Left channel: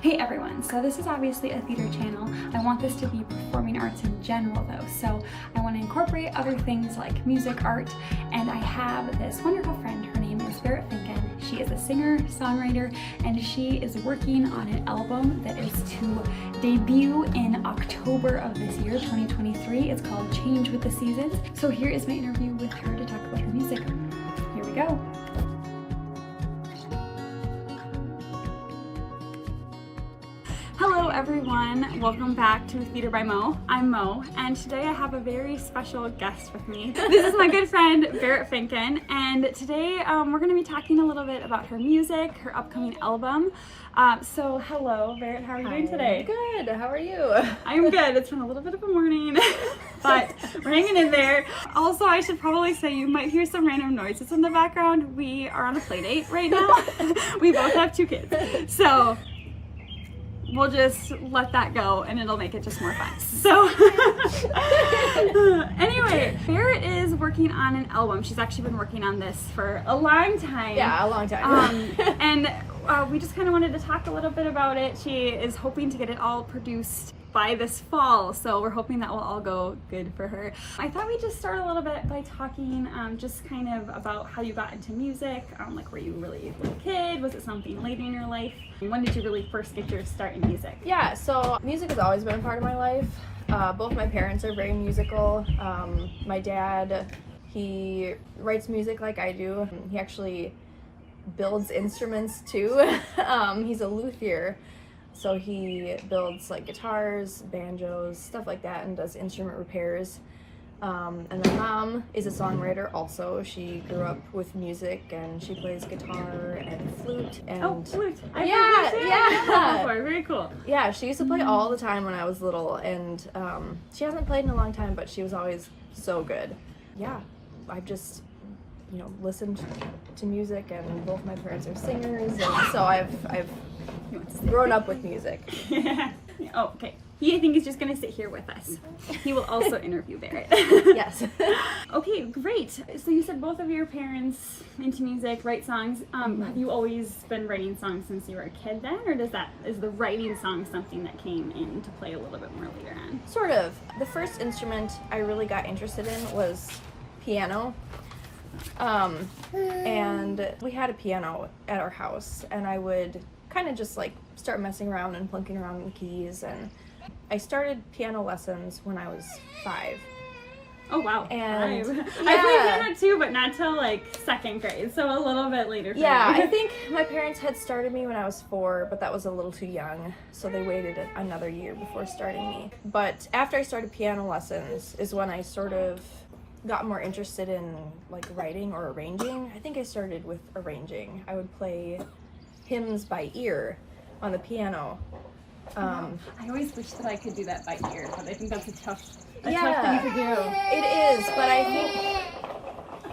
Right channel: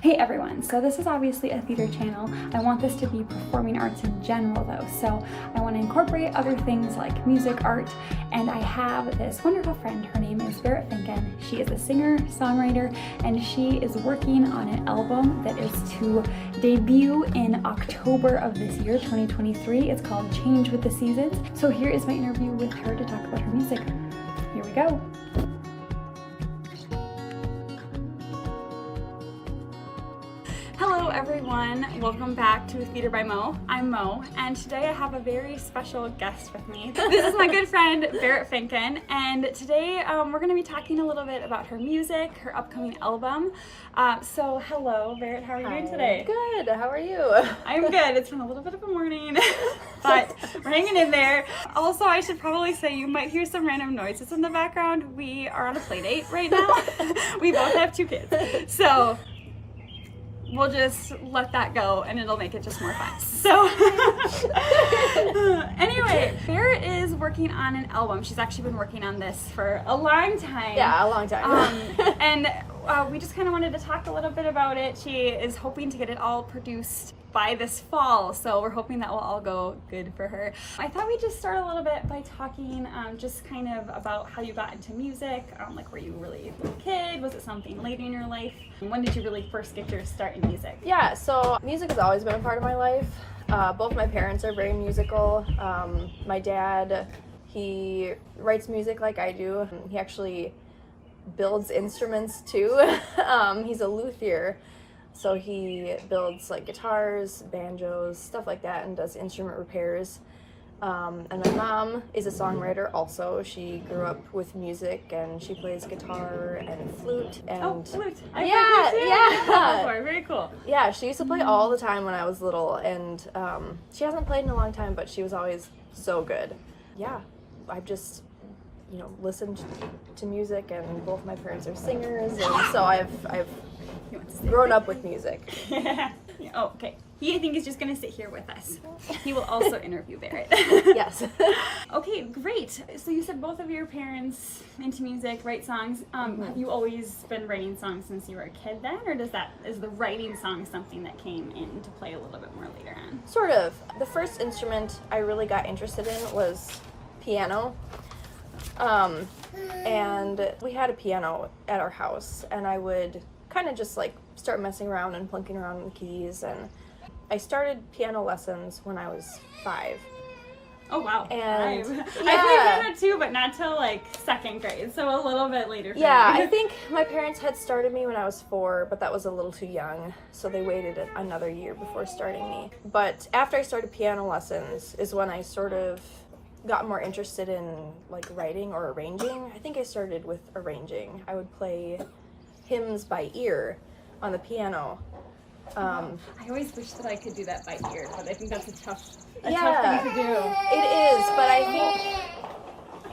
Hey everyone, so this is obviously a theater channel. I want this to be performing arts in general though, so I want to incorporate other things like music, art, and I have this wonderful friend. Her name is Beret Finken. She is a singer, songwriter, and she is working on an album that is to debut in October of this year, 2023. It's called Change with the Seasons. So here is my interview with her to talk about her music. Here we go. Hello everyone, welcome back to Theater by Mo. I'm Mo, and today I have a very special guest with me. This is my good friend Beret Finken, and today we're going to be talking a little bit about her music, her upcoming album. So hello Beret, how are you doing today? Good, how are you? I'm good. It's been a little bit of a morning, but we're hanging in there. Also, I should probably say you might hear some random noises in the background. We are on a play date right now. We both have 2 kids, so we'll just let that go and it'll make it just more fun. So anyway, Beret is working on an album. She's actually been working on this for a long time. Yeah, a long time. And we just kind of wanted to talk a little bit about it. She is hoping to get it all produced by this fall, so we're hoping that will all go good for her. I thought we'd just start a little bit by talking just kind of about how you got into music. Like, were you really a little kid? Was it something later in your life? When did you really first get your start in music? Yeah, so music has always been a part of my life. Both my parents are very musical. My dad, he writes music like I do. He actually builds instruments too. He's a luthier. So he builds like guitars, banjos, stuff like that, and does instrument repairs. And my mom is a songwriter also. She grew up with music and she plays guitar and flute. And oh, flute. Yeah. Very cool. Yeah, she used to play all the time when I was little, and she hasn't played in a long time, but she was always so good. Yeah, I've just, listened to music, and both my parents are singers, and so I've grown up with music. Yeah. Oh, okay. I think he's just going to sit here with us. He will also interview Beret. Yes. Okay, great. So you said both of your parents into music, write songs. Have you always been writing songs since you were a kid then, or is the writing song something that came into play a little bit more later on? Sort of. The first instrument I really got interested in was piano. And we had a piano at our house, and I would kind of just like start messing around and plunking around in keys, and I started piano lessons when I was 5. Oh wow. And 5. Yeah. I played piano too, but not till like 2nd grade, so a little bit later for Yeah, me. I think my parents had started me when I was 4, but that was a little too young, so they waited another year before starting me. But after I started piano lessons is when I sort of got more interested in like writing or arranging. I think I started with arranging. I would play hymns by ear on the piano. I always wish that I could do that by ear, but I think that's a tough thing to do. It is, but I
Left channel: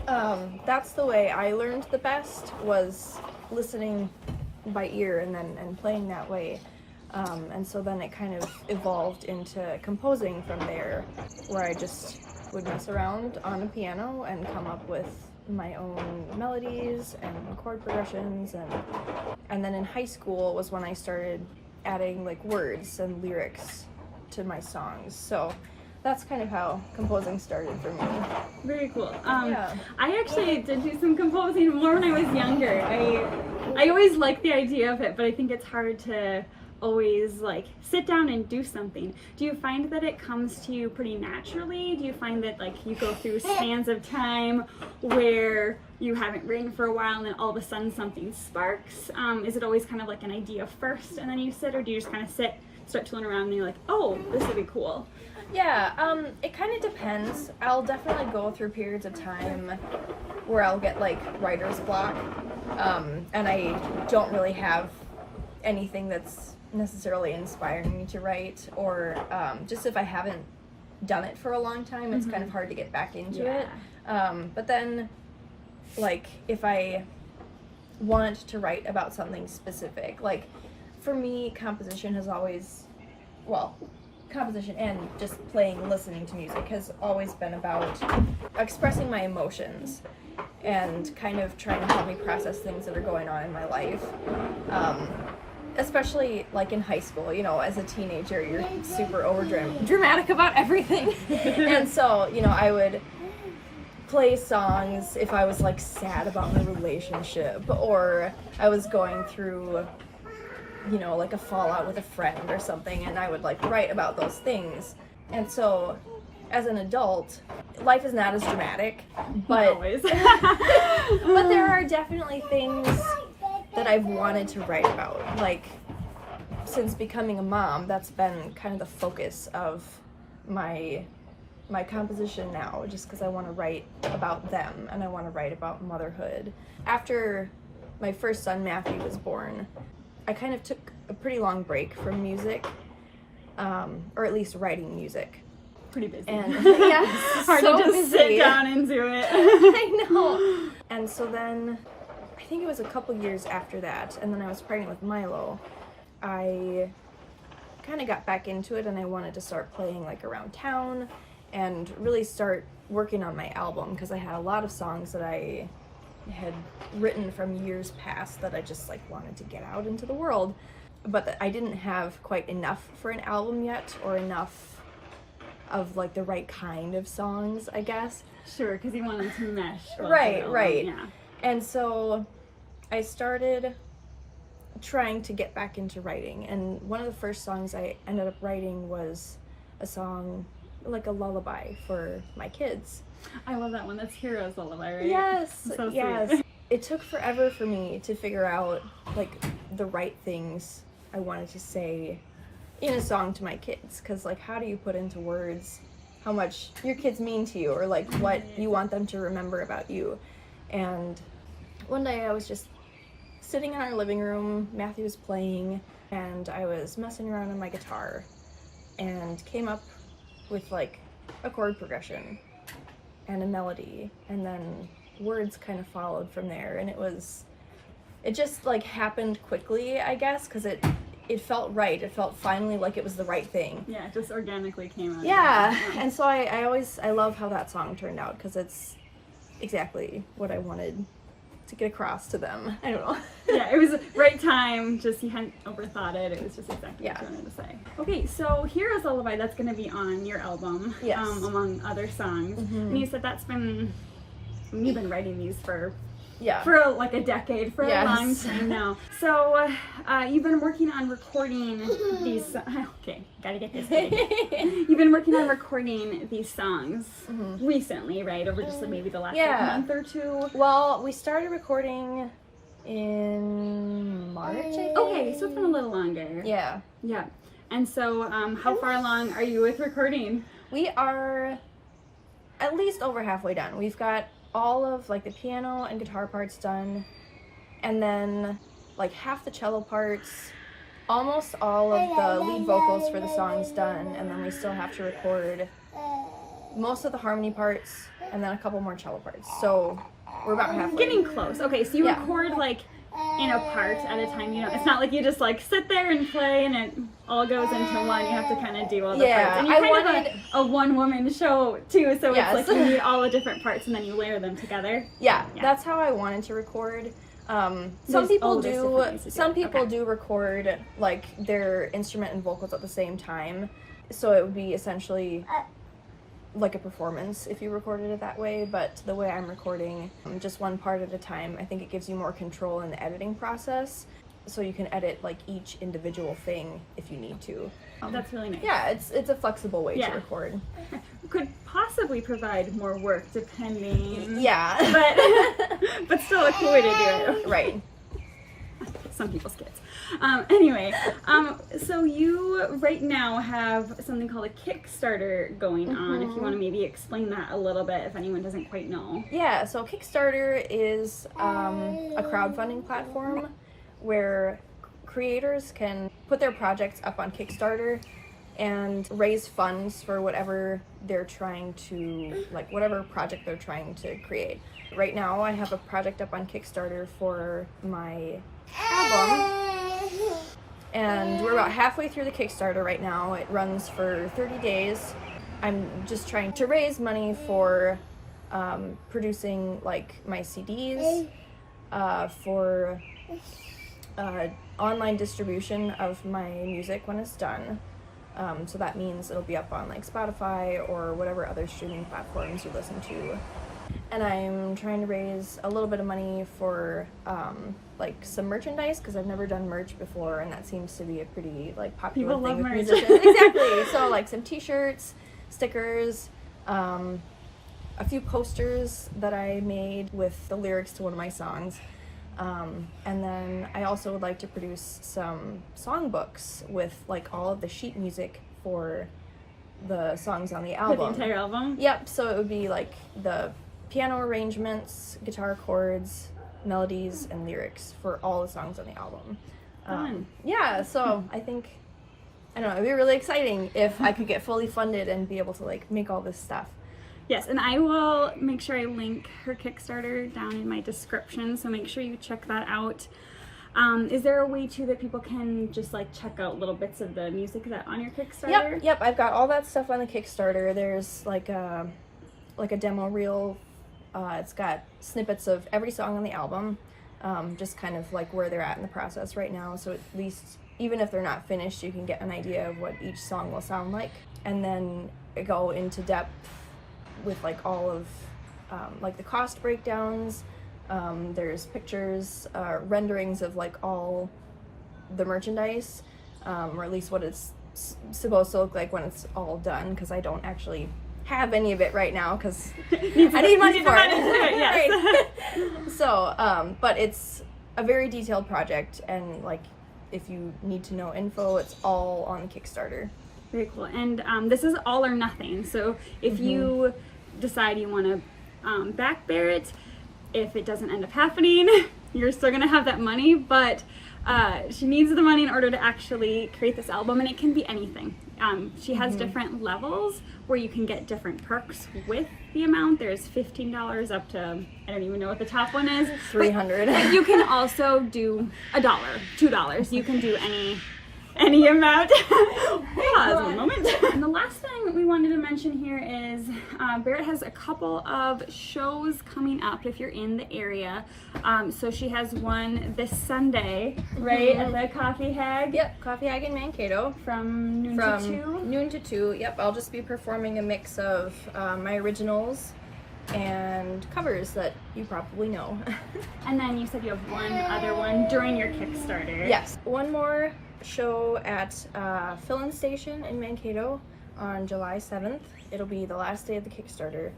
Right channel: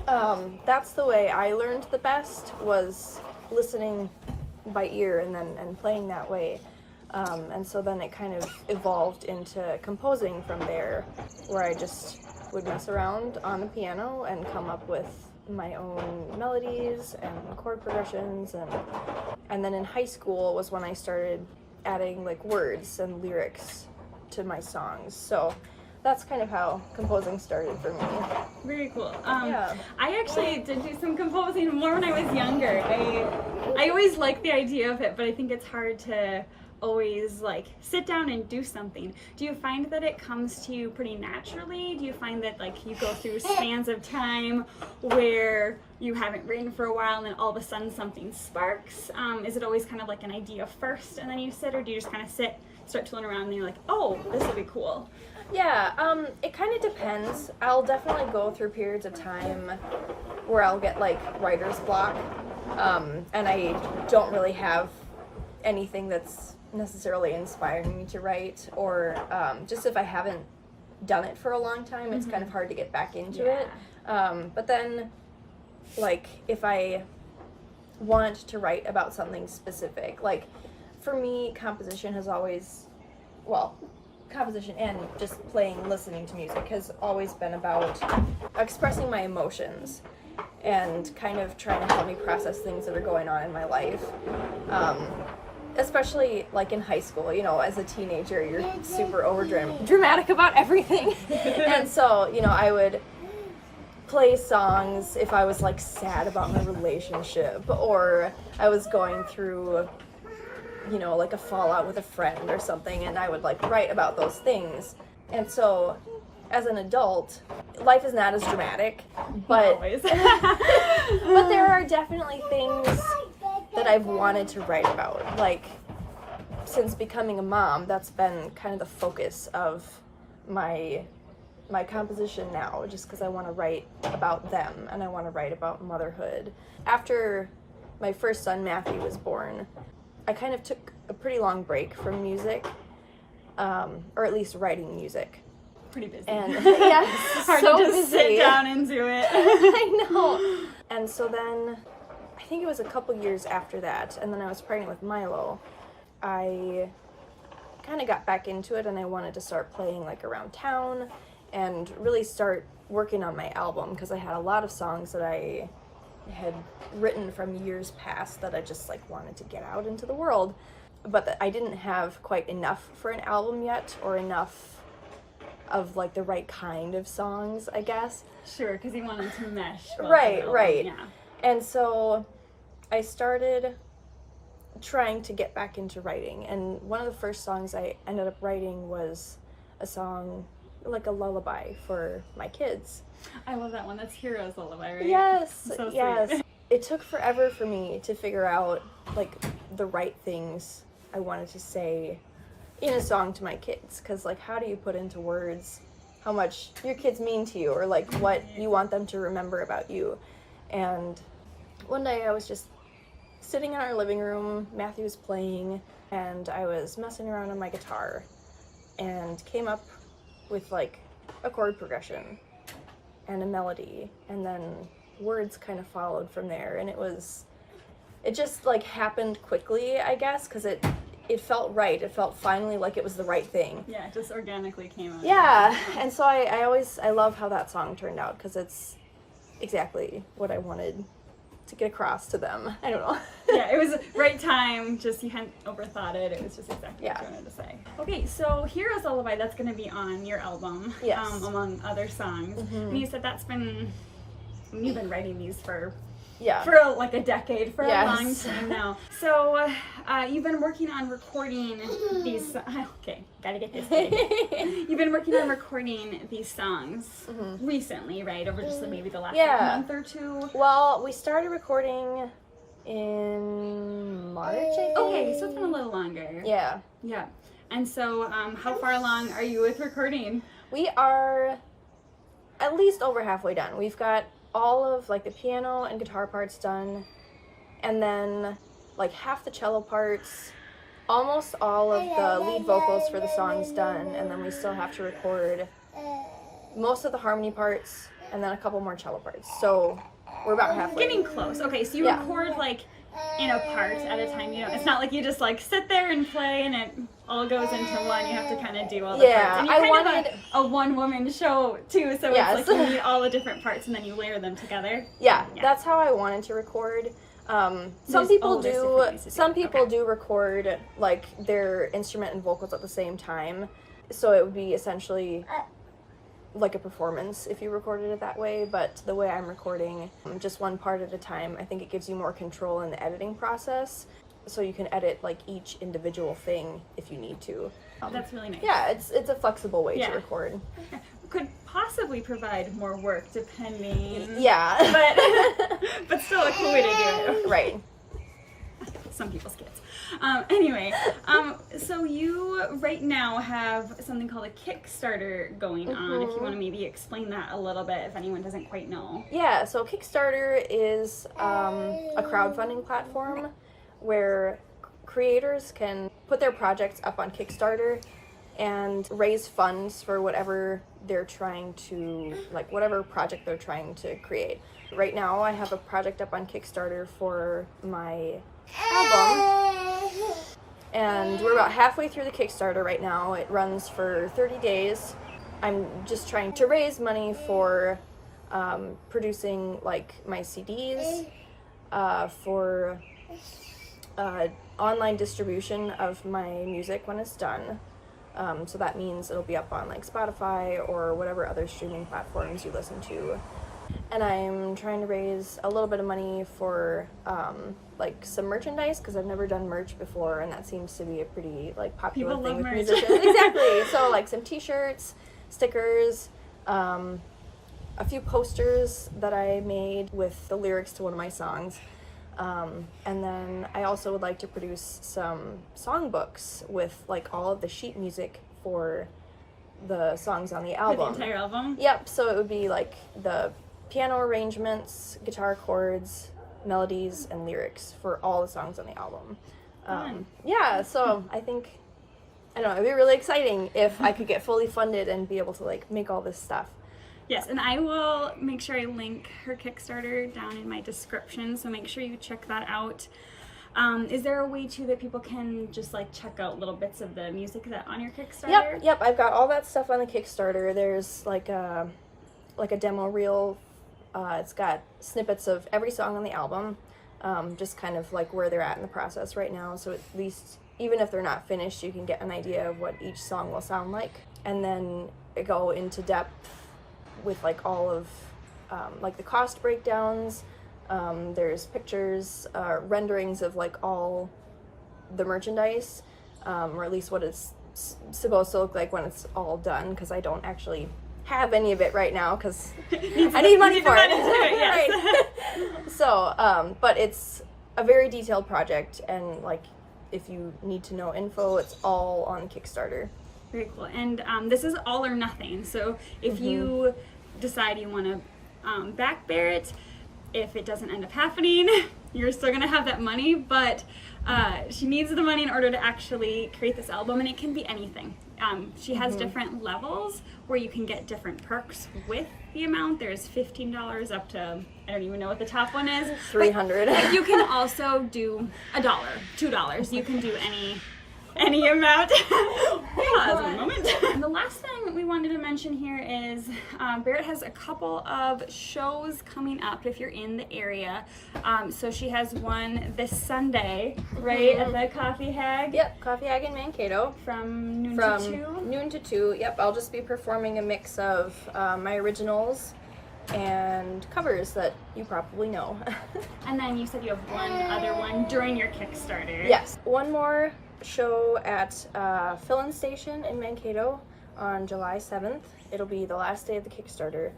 think that's the way I learned the best, was listening by ear and playing that way. And so then it kind of evolved into composing from there, where I just would mess around on the piano and come up with my own melodies and chord progressions, and then in high school was when I started adding like words and lyrics to my songs. So that's kind of how composing started for me. Very cool. Yeah. I actually did do some composing more when I was younger. I always liked the idea of it, but I think it's hard to always like sit down and do something. Do you find that it comes to you pretty naturally? Do you find that like you go through spans of time where you haven't written for a while and then all of a sudden something sparks? Is it always kind of like an idea first and then you sit, or do you just kind of sit, start tooling around and you're like, oh, this will be cool? Yeah, it kind of depends. I'll definitely go through periods of time where I'll get like writer's block, and I don't really have anything that's necessarily inspiring me to write, or just if I haven't done it for a long time, it's kind of hard to get back into it. But then, like, if I want to write about something specific, like, for me, composition has always, composition and just playing, listening to music has always been about expressing my emotions and kind of trying to help me process things that are going on in my life. especially like in high school, you know, as a teenager, you're super dramatic about everything. And so, you know, I would play songs if I was like sad about my relationship, or I was going through, you know, like a fallout with a friend or something, and I would like write about those things. And so as an adult, life is not as dramatic, but Always. but there are definitely things that I've wanted to write about. Like, since becoming a mom, that's been kind of the focus of my composition now, just because I want to write about them and I want to write about motherhood. After my first son Matthew was born, I kind of took a pretty long break from music, or at least writing music. Pretty busy. And yeah, hard so to just busy. sit down and do it. I know. And so then, I think it was a couple years after that, and then I was pregnant with Milo, I kind of got back into it, and I wanted to start playing like around town and really start working on my album, because I had a lot of songs that I had written from years past that I just like wanted to get out into the world, but that I didn't have quite enough for an album yet, or enough of like the right kind of songs, I guess. Sure, because you wanted to mesh. both Right, of them, right. Yeah. And so I started trying to get back into writing, and one of the first songs I ended up writing was a song, like a lullaby for my kids. I love that one. That's Hero's Lullaby, right? Yes, So sweet. yes. It took forever for me to figure out like the right things I wanted to say in a song to my kids, because like, how do you put into words how much your kids mean to you, or like what you want them to remember about you? And one day I was just sitting in our living room, Matthew was playing, and I was messing around on my guitar and came up with like a chord progression and a melody, and then words kind of followed from there. And it just like happened quickly, I guess, because it felt right. It felt finally like it was the right thing. Yeah, it just organically came out. Yeah, and so I love how that song turned out, because it's exactly what I wanted to get across to them. I don't know. Yeah, it was right time, just you hadn't overthought it. It was just exactly what Yeah. you wanted to say. Okay, so Hero's Lullaby, that's going to be on your album, Yes. Among other songs. And you said you've been writing these for Yeah. like a decade, for Yes. a long time now. So you've been working on recording these. Okay, gotta get this. You've been working on recording these songs recently, right? Over just maybe the last like, month or two. Well, we started recording in March, I think. Okay, so it's been a little longer. Yeah. Yeah. And so, how far along are you with recording? We are at least over halfway done. We've got all of like the piano and guitar parts done, and then like half the cello parts, almost all of the lead vocals for the songs done, and then we still have to record most of the harmony parts and then a couple more cello parts. So we're about halfway. Getting close. Okay, so you Yeah. record like in a part at a time. You know, it's not like you just like sit there and play and it all goes into one. You have to kind of do all the Yeah, parts. And you're I kind wanted- of a one-woman show too, so Yes. it's like you need all the different parts and then you layer them together. Yeah, Yeah. that's how I wanted to record. Some There's- people there's different ways to do some it. people Okay. do record like their instrument and vocals at the same time, so it would be essentially like a performance if you recorded it that way. But the way I'm recording, just one part at a time, I think it gives you more control in the editing process, so you can edit like each individual thing if you need to. That's really nice. Yeah, it's a flexible way Yeah. to record. Could possibly provide more work depending. Yeah. But still a cool way to do it. Right. Some people's kids. Anyway, so you right now have something called a Kickstarter going on. If you want to maybe explain that a little bit, if anyone doesn't quite know. Yeah, so Kickstarter is a crowdfunding platform where creators can put their projects up on Kickstarter and raise funds for whatever they're trying to, like whatever project they're trying to create. Right now I have a project up on Kickstarter for my album, and we're about halfway through the Kickstarter right now. It runs for 30 days. I'm just trying to raise money for producing like my CDs, for online distribution of my music when it's done. So that means it'll be up on like Spotify or whatever other streaming platforms you listen to. And I'm trying to raise a little bit of money for like some merchandise, because I've never done merch before, and that seems to be a pretty like popular People thing love with merch. musicians. Exactly. So like some t-shirts, stickers, a few posters that I made with the lyrics to one of my songs. And then I also would like to produce some songbooks with like all of the sheet music for the songs on the For album. the entire album? Yep, so it would be like the piano arrangements, guitar chords, melodies, and lyrics for all the songs on the album. Fun. Yeah, so I think, I don't know, it'd be really exciting if I could get fully funded and be able to like make all this stuff. Yes, and I will make sure I link her Kickstarter down in my description, so make sure you check that out. Is there a way too that people can just like check out little bits of the music that on your Kickstarter? Yep, I've got all that stuff on the Kickstarter. There's like a demo reel. It's got snippets of every song on the album, just kind of like where they're at in the process right now, so at least even if they're not finished, you can get an idea of what each song will sound like. And then go into depth with like all of like the cost breakdowns. There's pictures, renderings of like all the merchandise, or at least what it's supposed to look like when it's all done, because I don't actually have any of it right now because I need money for it. Yes. Right. So, but it's a very detailed project, and like if you need to know info, it's all on Kickstarter. Very cool. And this is all or nothing. So if you decide you want to back Beret, if it doesn't end up happening, you're still going to have that money, but she needs the money in order to actually create this album, and it can be anything. She has different levels where you can get different perks with the amount. There's $15 up to, I don't even know what the top one is. $300. But you can also do $1, $2. You can do any amount. Pause one moment. And the last thing we wanted to mention here is Beret has a couple of shows coming up if you're in the area. So she has one this Sunday, right, at the Coffee Hag. Yep, Coffee Hag in Mankato. From noon to 2? Noon to 2, yep. I'll just be performing a mix of my originals and covers that you probably know. And then you said you have one other one during your Kickstarter. Yes, one more show at Fill-In Station in Mankato on July 7th. It'll be the last day of the Kickstarter,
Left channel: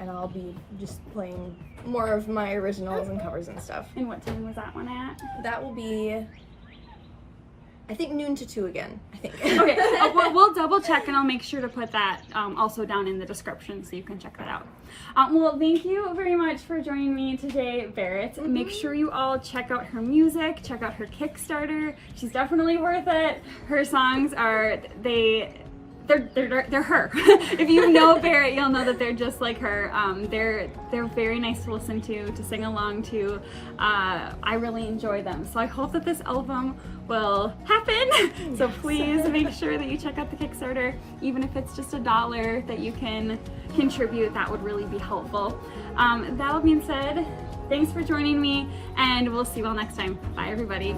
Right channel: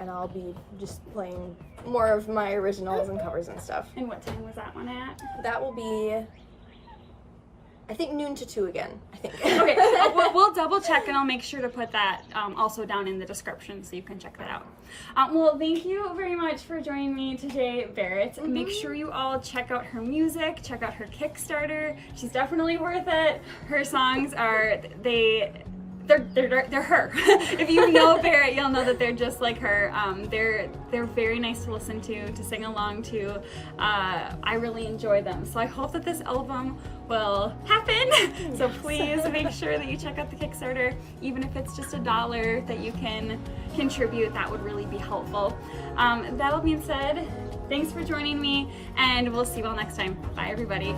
and I'll be just playing more of my originals and covers and stuff. And what time was that one at? That will be, I think, noon to 2 again, I think. Okay, we'll double check, and I'll make sure to put that also down in the description so you can check that out. Well, thank you very much for joining me today, Beret. Make sure you all check out her music, check out her Kickstarter. She's definitely worth it. Her songs are, they're her. If you know Beret, you'll know that they're just like her. They're very nice to listen to sing along to. I really enjoy them. So I hope that this album will happen. So please make sure that you check out the Kickstarter. Even if it's just $1 that you can contribute, that would really be helpful. That all being said, thanks for joining me, and we'll see you all next time. Bye, everybody.